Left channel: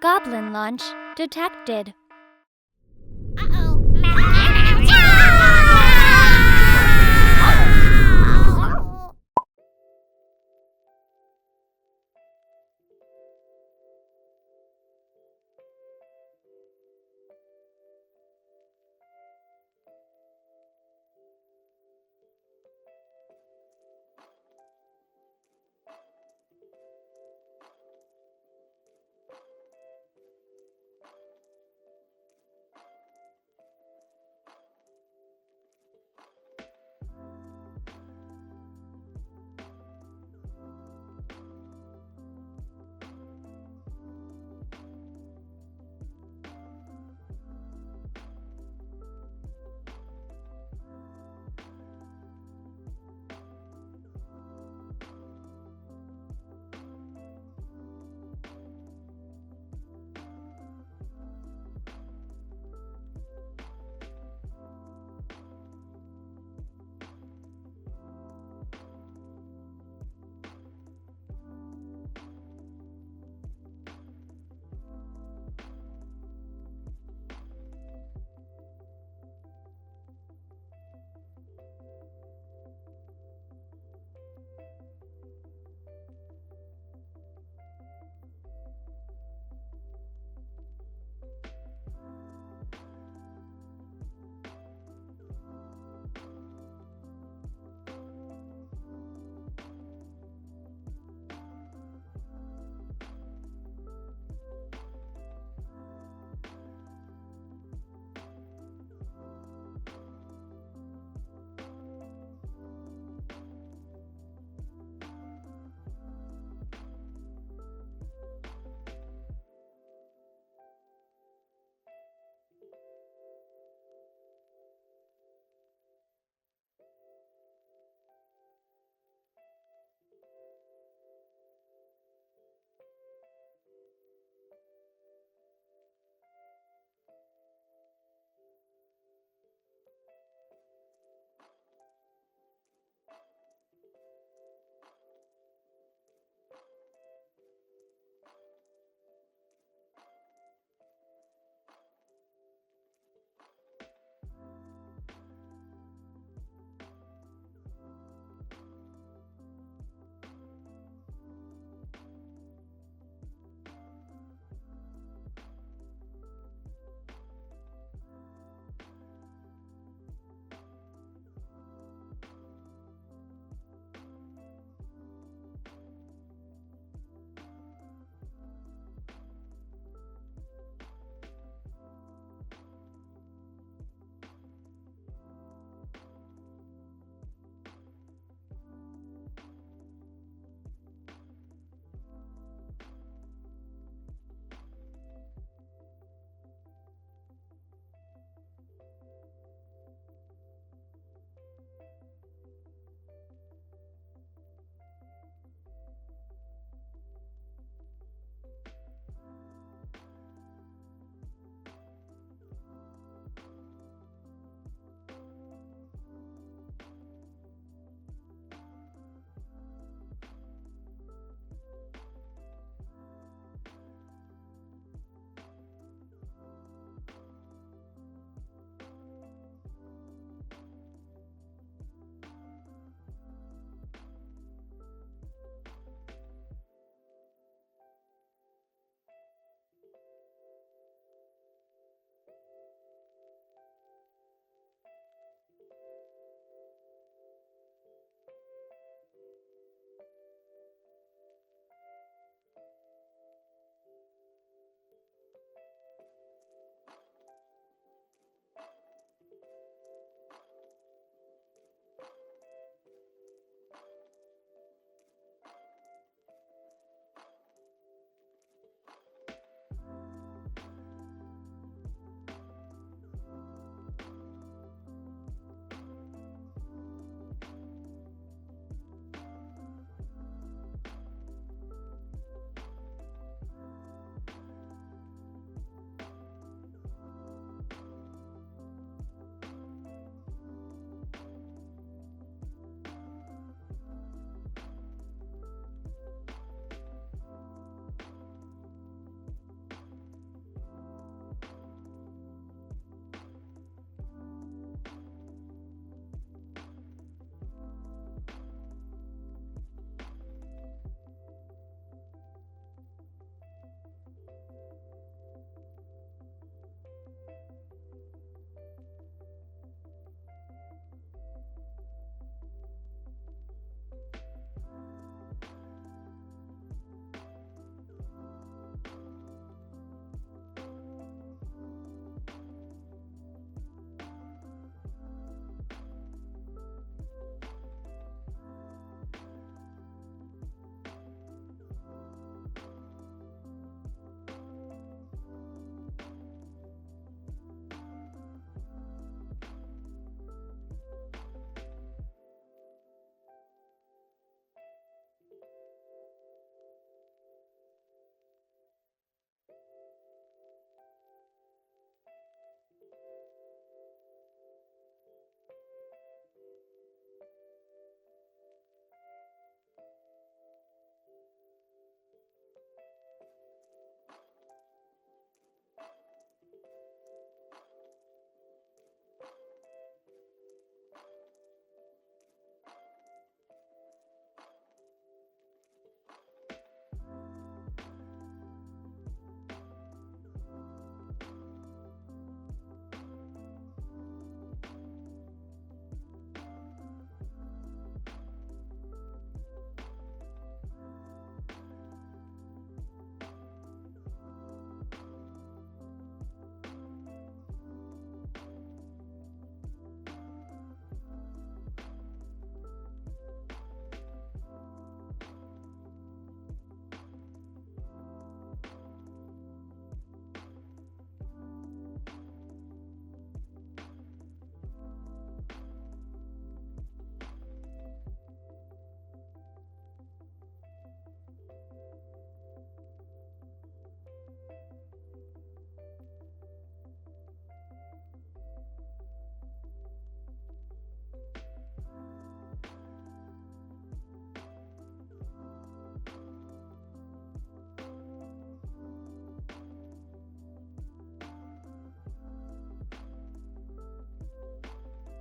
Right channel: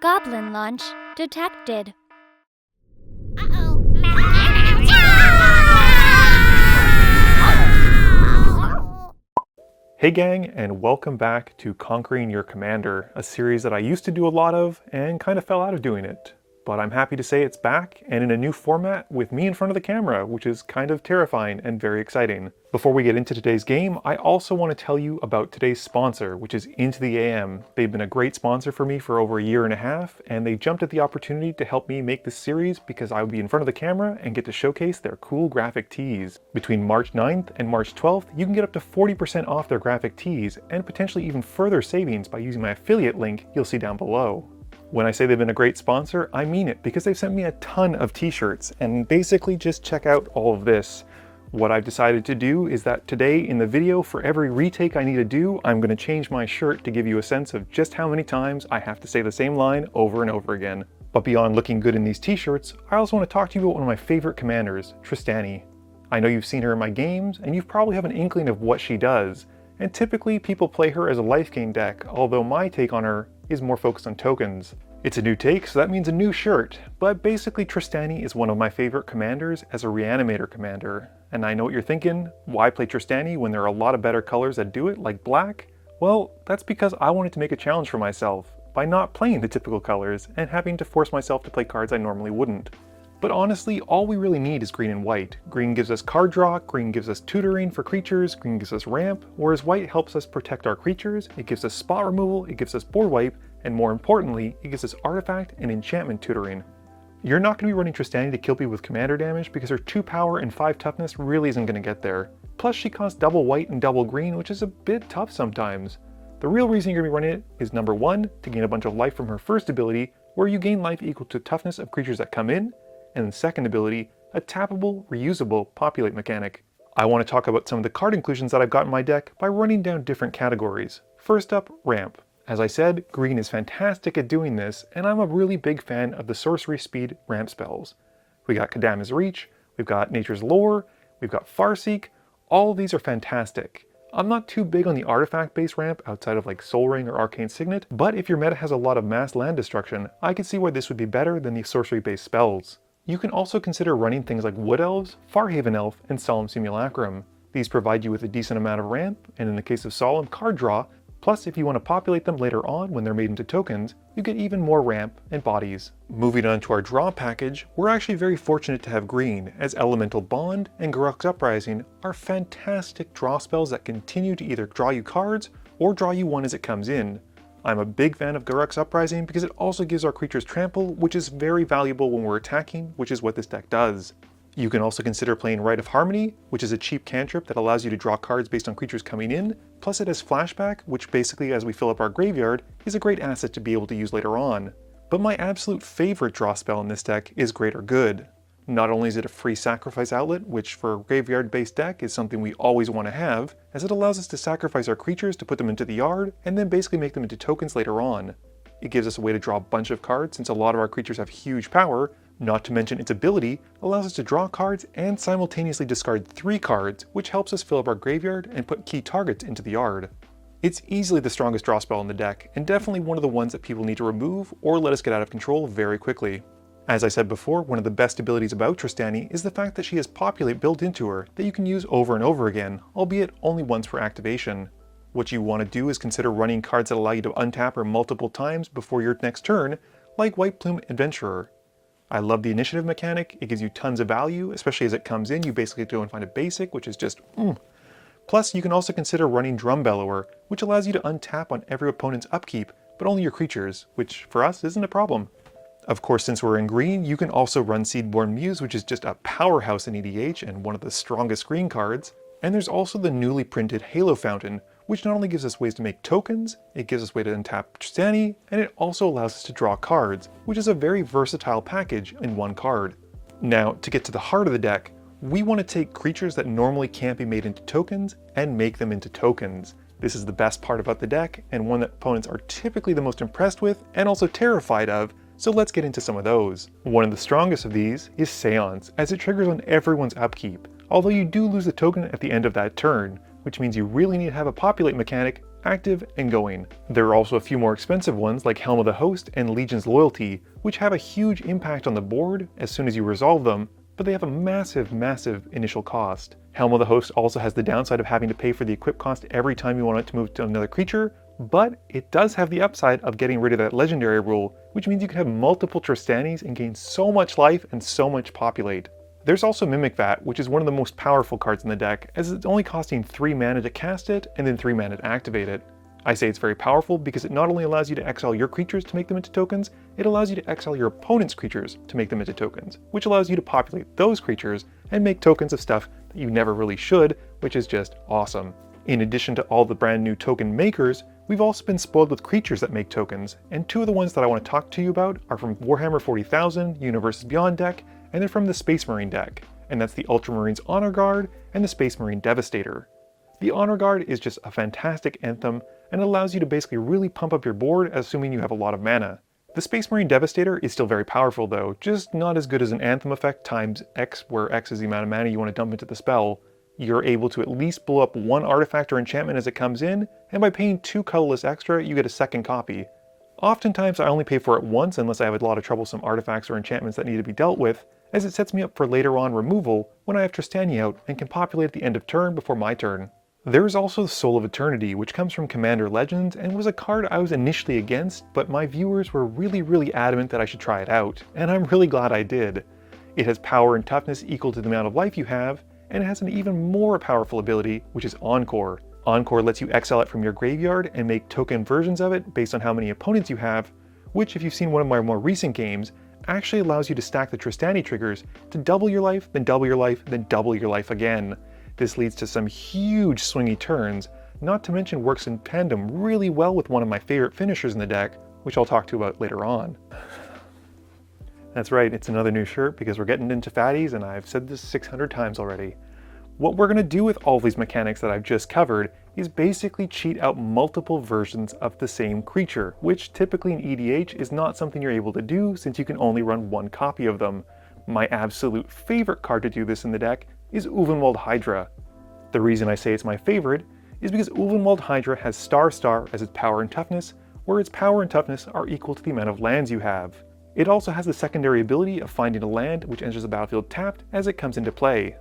Goblin launch detected. Hey gang, and welcome back to Conquering Your Commander, a series that I used to do a lot of and kind of fell out of doing it. But I'm happy to say it's back and in a new format with me in front of the camera, which is kind of terrifying and very exciting. Before we get into today's game, I also want to tell you about today's sponsor, which is Into the AM. They've been a great sponsor for me for over a year and a half, and they jumped at the opportunity to help me make this series because I would be in front of the camera and get to showcase their cool graphic tees. Between March 9th and March 12th, you can get up to 40% off their graphic tees and potentially even further savings by using my affiliate link you'll see down below. When I say they've been a great sponsor, I mean it, because they've sent me a ton of t-shirts, and basically just check out all of this. What I've decided to do is that today in the video, for every retake I need to do, I'm going to change my shirt to give you a sense of just how many times I have to say the same line over and over again. But beyond looking good in these t-shirts, I also want to talk to you about one of my favorite commanders, Trostani. I know you've seen her in my games, and you probably have an inkling of what she does. And typically people play her as a life gain deck, although my take on her is more focused on tokens. It's a new take, so that means a new shirt, but basically Trostani is one of my favorite commanders as a reanimator commander. And I know what you're thinking, why play Trostani when there are a lot of better colors that do it, like black? Well, that's because I wanted to make a challenge for myself, by not playing the typical colors and having to force myself to play cards I normally wouldn't. But honestly, all we really need is green and white. Green gives us card draw, green gives us tutoring for creatures, green gives us ramp, whereas white helps us protect our creatures, it gives us spot removal, it gives us board wipe, and more importantly, it gives us artifact and enchantment tutoring. You're not going to be running Trostani to kill people with commander damage because her 2 power and 5 toughness really isn't going to get there. Plus she costs double white and double green, which is a bit tough sometimes. The real reason you're going to be running it is number 1, to gain a bunch of life from her first ability, where you gain life equal to toughness of creatures that come in, and the second ability, a tappable, reusable populate mechanic. I want to talk about some of the card inclusions that I've got in my deck by running down different categories. First up, ramp. As I said, green is fantastic at doing this, and I'm a really big fan of the sorcery speed ramp spells. We got Kadama's Reach, we've got Nature's Lore, we've got Farseek. All of these are fantastic. I'm not too big on the artifact-based ramp outside of like Sol Ring or Arcane Signet, but if your meta has a lot of mass land destruction, I can see why this would be better than the sorcery-based spells. You can also consider running things like Wood Elves, Farhaven Elf, and Solemn Simulacrum. These provide you with a decent amount of ramp, and in the case of Solemn, card draw, plus if you want to populate them later on when they're made into tokens, you get even more ramp and bodies. Moving on to our draw package, we're actually very fortunate to have green, as Elemental Bond and Garruk's Uprising are fantastic draw spells that continue to either draw you cards or draw you one as it comes in. I'm a big fan of Garruk's Uprising because it also gives our creatures trample, which is very valuable when we're attacking, which is what this deck does. You can also consider playing Rite of Harmony, which is a cheap cantrip that allows you to draw cards based on creatures coming in, plus it has Flashback, which basically as we fill up our graveyard, is a great asset to be able to use later on. But my absolute favorite draw spell in this deck is Greater Good. Not only is it a free sacrifice outlet, which for a graveyard-based deck is something we always want to have, as it allows us to sacrifice our creatures to put them into the yard, and then basically make them into tokens later on. It gives us a way to draw a bunch of cards since a lot of our creatures have huge power, not to mention its ability allows us to draw cards and simultaneously discard 3 cards, which helps us fill up our graveyard and put key targets into the yard. It's easily the strongest draw spell in the deck, and definitely one of the ones that people need to remove or let us get out of control very quickly. As I said before, one of the best abilities about Trostani is the fact that she has Populate built into her that you can use over and over again, albeit only once per activation. What you want to do is consider running cards that allow you to untap her multiple times before your next turn, like White Plume Adventurer. I love the initiative mechanic, it gives you tons of value, especially as it comes in, you basically go and find a basic, which is just Plus, you can also consider running Drum Bellower, which allows you to untap on every opponent's upkeep, but only your creatures, which for us isn't a problem. Of course, since we're in green, you can also run Seedborn Muse, which is just a powerhouse in EDH and one of the strongest green cards. And there's also the newly printed Halo Fountain, which not only gives us ways to make tokens, it gives us a way to untap Trostani, and it also allows us to draw cards, which is a very versatile package in one card. Now, to get to the heart of the deck, we want to take creatures that normally can't be made into tokens and make them into tokens. This is the best part about the deck, and one that opponents are typically the most impressed with and also terrified of, so let's get into some of those. One of the strongest of these is Seance, as it triggers on everyone's upkeep, although you do lose a token at the end of that turn, which means you really need to have a populate mechanic active and going. There are also a few more expensive ones like Helm of the Host and Legion's Loyalty, which have a huge impact on the board as soon as you resolve them, but they have a massive initial cost. Helm of the Host also has the downside of having to pay for the equip cost every time you want it to move to another creature, but it does have the upside of getting rid of that legendary rule, which means you can have multiple Trostanis and gain so much life and so much populate. There's also Mimic Vat, which is one of the most powerful cards in the deck, as it's only costing 3 mana to cast it and then 3 mana to activate it. I say it's very powerful because it not only allows you to exile your creatures to make them into tokens, it allows you to exile your opponent's creatures to make them into tokens, which allows you to populate those creatures and make tokens of stuff that you never really should, which is just awesome. In addition to all the brand new token makers, we've also been spoiled with creatures that make tokens, and 2 of the ones that I want to talk to you about are from Warhammer 40,000 Universes Beyond deck, and they're from the Space Marine deck, and that's the Ultramarines Honor Guard and the Space Marine Devastator. The Honor Guard is just a fantastic anthem and allows you to basically really pump up your board, assuming you have a lot of mana. The Space Marine Devastator is still very powerful though, just not as good as an anthem effect times X, where X is the amount of mana you want to dump into the spell. You're able to at least blow up 1 artifact or enchantment as it comes in, and by paying 2 colorless extra, you get a second copy. Oftentimes I only pay for it once unless I have a lot of troublesome artifacts or enchantments that need to be dealt with, as it sets me up for later on removal when I have Trostani out and can populate at the end of turn before my turn. There is also the Soul of Eternity, which comes from Commander Legends and was a card I was initially against, but my viewers were really adamant that I should try it out, and I'm really glad I did. It has power and toughness equal to the amount of life you have, and it has an even more powerful ability, which is Encore. Encore lets you exile it from your graveyard and make token versions of it based on how many opponents you have, which if you've seen one of my more recent games, actually allows you to stack the Trostani triggers to double your life, then double your life, then double your life again. This leads to some huge swingy turns, not to mention works in tandem really well with one of my favorite finishers in the deck, which I'll talk to you about later on. That's right, it's another new shirt because we're getting into fatties and I've said this 600 times already. What we're going to do with all these mechanics that I've just covered is basically cheat out multiple versions of the same creature, which typically in EDH is not something you're able to do since you can only run 1 copy of them. My absolute favorite card to do this in the deck is Ulvenwald Hydra. The reason I say it's my favorite is because Ulvenwald Hydra has Star as its power and toughness, where its power and toughness are equal to the amount of lands you have. It also has the secondary ability of finding a land which enters the battlefield tapped as it comes into play.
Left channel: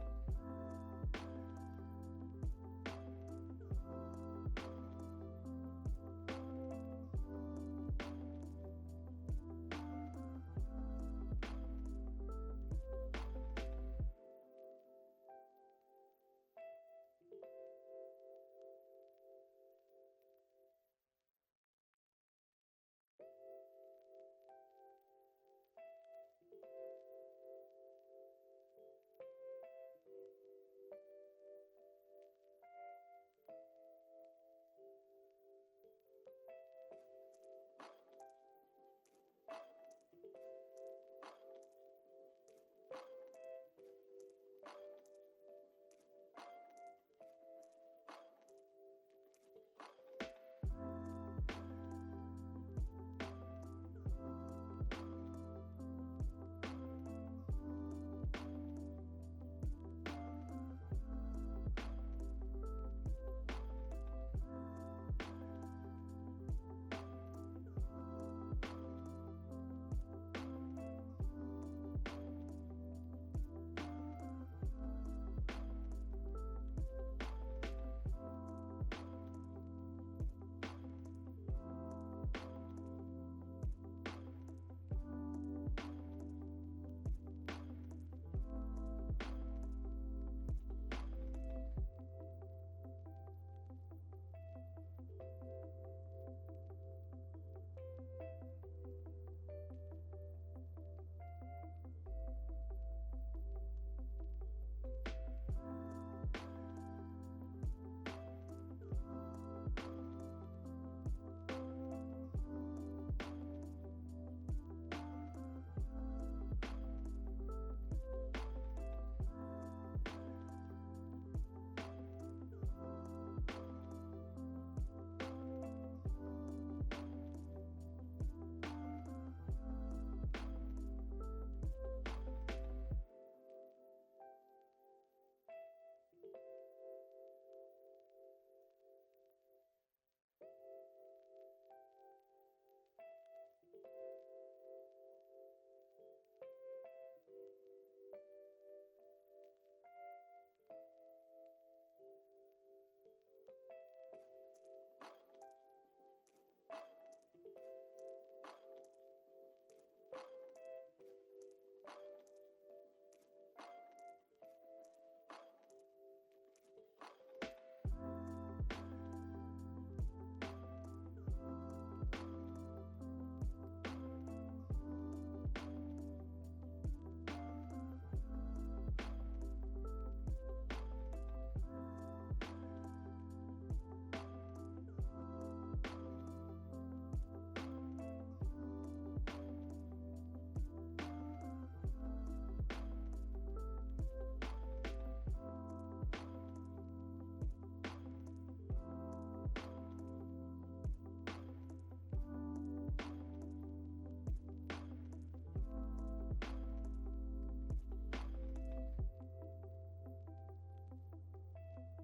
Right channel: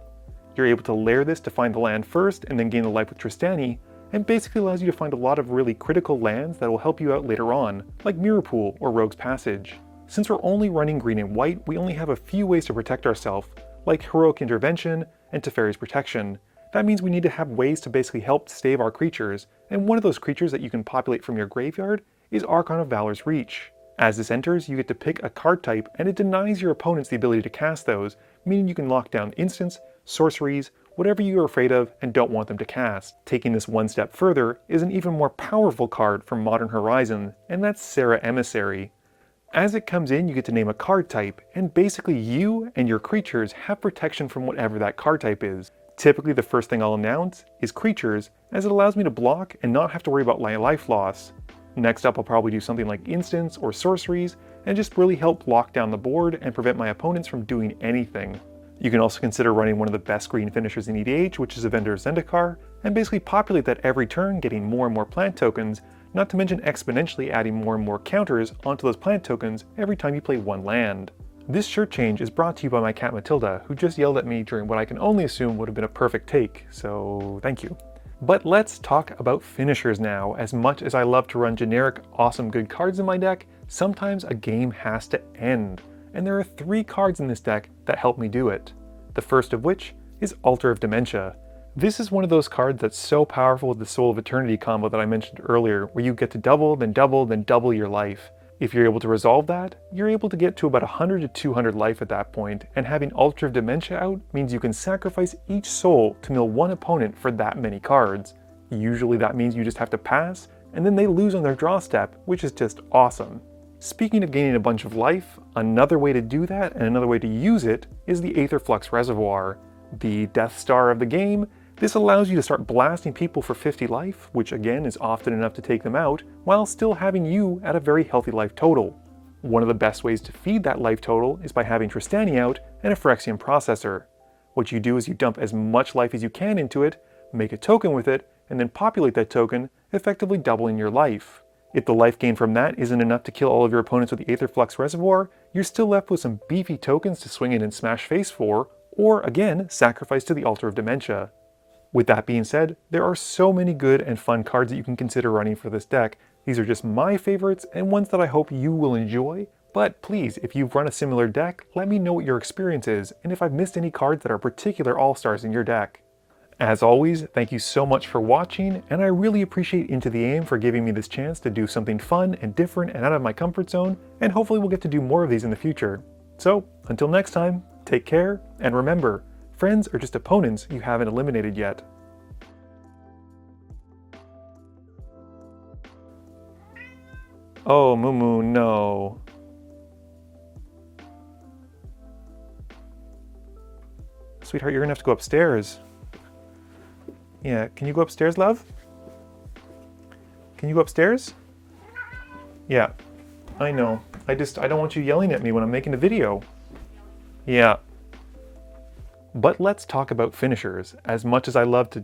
You're able to layer this to find the land first and then gain the life with Trostani, and basically allows you to find a lot of really critical lands that will help you out later on, like Mirror Pool or Rogue's Passage. Since we're only running green and white, we only have a few ways to protect ourselves, like Heroic Intervention and Teferi's Protection. That means we need to have ways to basically help save our creatures, and one of those creatures that you can populate from your graveyard is Archon of Valor's Reach. As this enters, you get to pick a card type, and it denies your opponents the ability to cast those, meaning you can lock down instants, sorceries, whatever you are afraid of and don't want them to cast. Taking this one step further is an even more powerful card from Modern Horizon, and that's Serra Emissary. As it comes in, you get to name a card type, and basically you and your creatures have protection from whatever that card type is. Typically the first thing I'll announce is creatures, as it allows me to block and not have to worry about my life loss. Next up I'll probably do something like instants or sorceries, and just really help lock down the board and prevent my opponents from doing anything. You can also consider running one of the best green finishers in EDH, which is Avenger of Zendikar, and basically populate that every turn, getting more and more plant tokens, not to mention exponentially adding more and more counters onto those plant tokens every time you play 1 land. This shirt change is brought to you by my cat Matilda, who just yelled at me during what I can only assume would have been a perfect take, so thank you. But let's talk about finishers now. As much as I love to run generic, awesome good cards in my deck, sometimes a game has to end. And there are 3 cards in this deck that help me do it. The first of which is Altar of Dementia. This is one of those cards that's so powerful with the Soul of Eternity combo that I mentioned earlier, where you get to double, then double, then double your life. If you're able to resolve that, you're able to get to about 100 to 200 life at that point, and having Altar of Dementia out means you can sacrifice each soul to mill 1 opponent for that many cards. Usually that means you just have to pass, and then they lose on their draw step, which is just awesome. Speaking of gaining a bunch of life, another way to do that and another way to use it is the Aether Flux Reservoir. The Death Star of the game, this allows you to start blasting people for 50 life, which again is often enough to take them out, while still having you at a very healthy life total. One of the best ways to feed that life total is by having Trostani out and a Phyrexian Processor. What you do is you dump as much life as you can into it, make a token with it, and then populate that token, effectively doubling your life. If the life gain from that isn't enough to kill all of your opponents with the Aetherflux Reservoir, you're still left with some beefy tokens to swing in and smash face for, or again, sacrifice to the Altar of Dementia. With that being said, there are so many good and fun cards that you can consider running for this deck. These are just my favorites and ones that I hope you will enjoy, but please, if you've run a similar deck, let me know what your experience is and if I've missed any cards that are particular all-stars in your deck. As always, thank you so much for watching, and I really appreciate Into the Aim for giving me this chance to do something fun and different and out of my comfort zone, and hopefully we'll get to do more of these in the future. So, until next time, take care, and remember, friends are just opponents you haven't eliminated yet. Oh, Mumu, no. Sweetheart, you're gonna have to go upstairs. Yeah, can you go upstairs, love? Can you go upstairs? Yeah, I know. I don't want you yelling at me when I'm making a video. Yeah. But let's talk about finishers. As much as I love to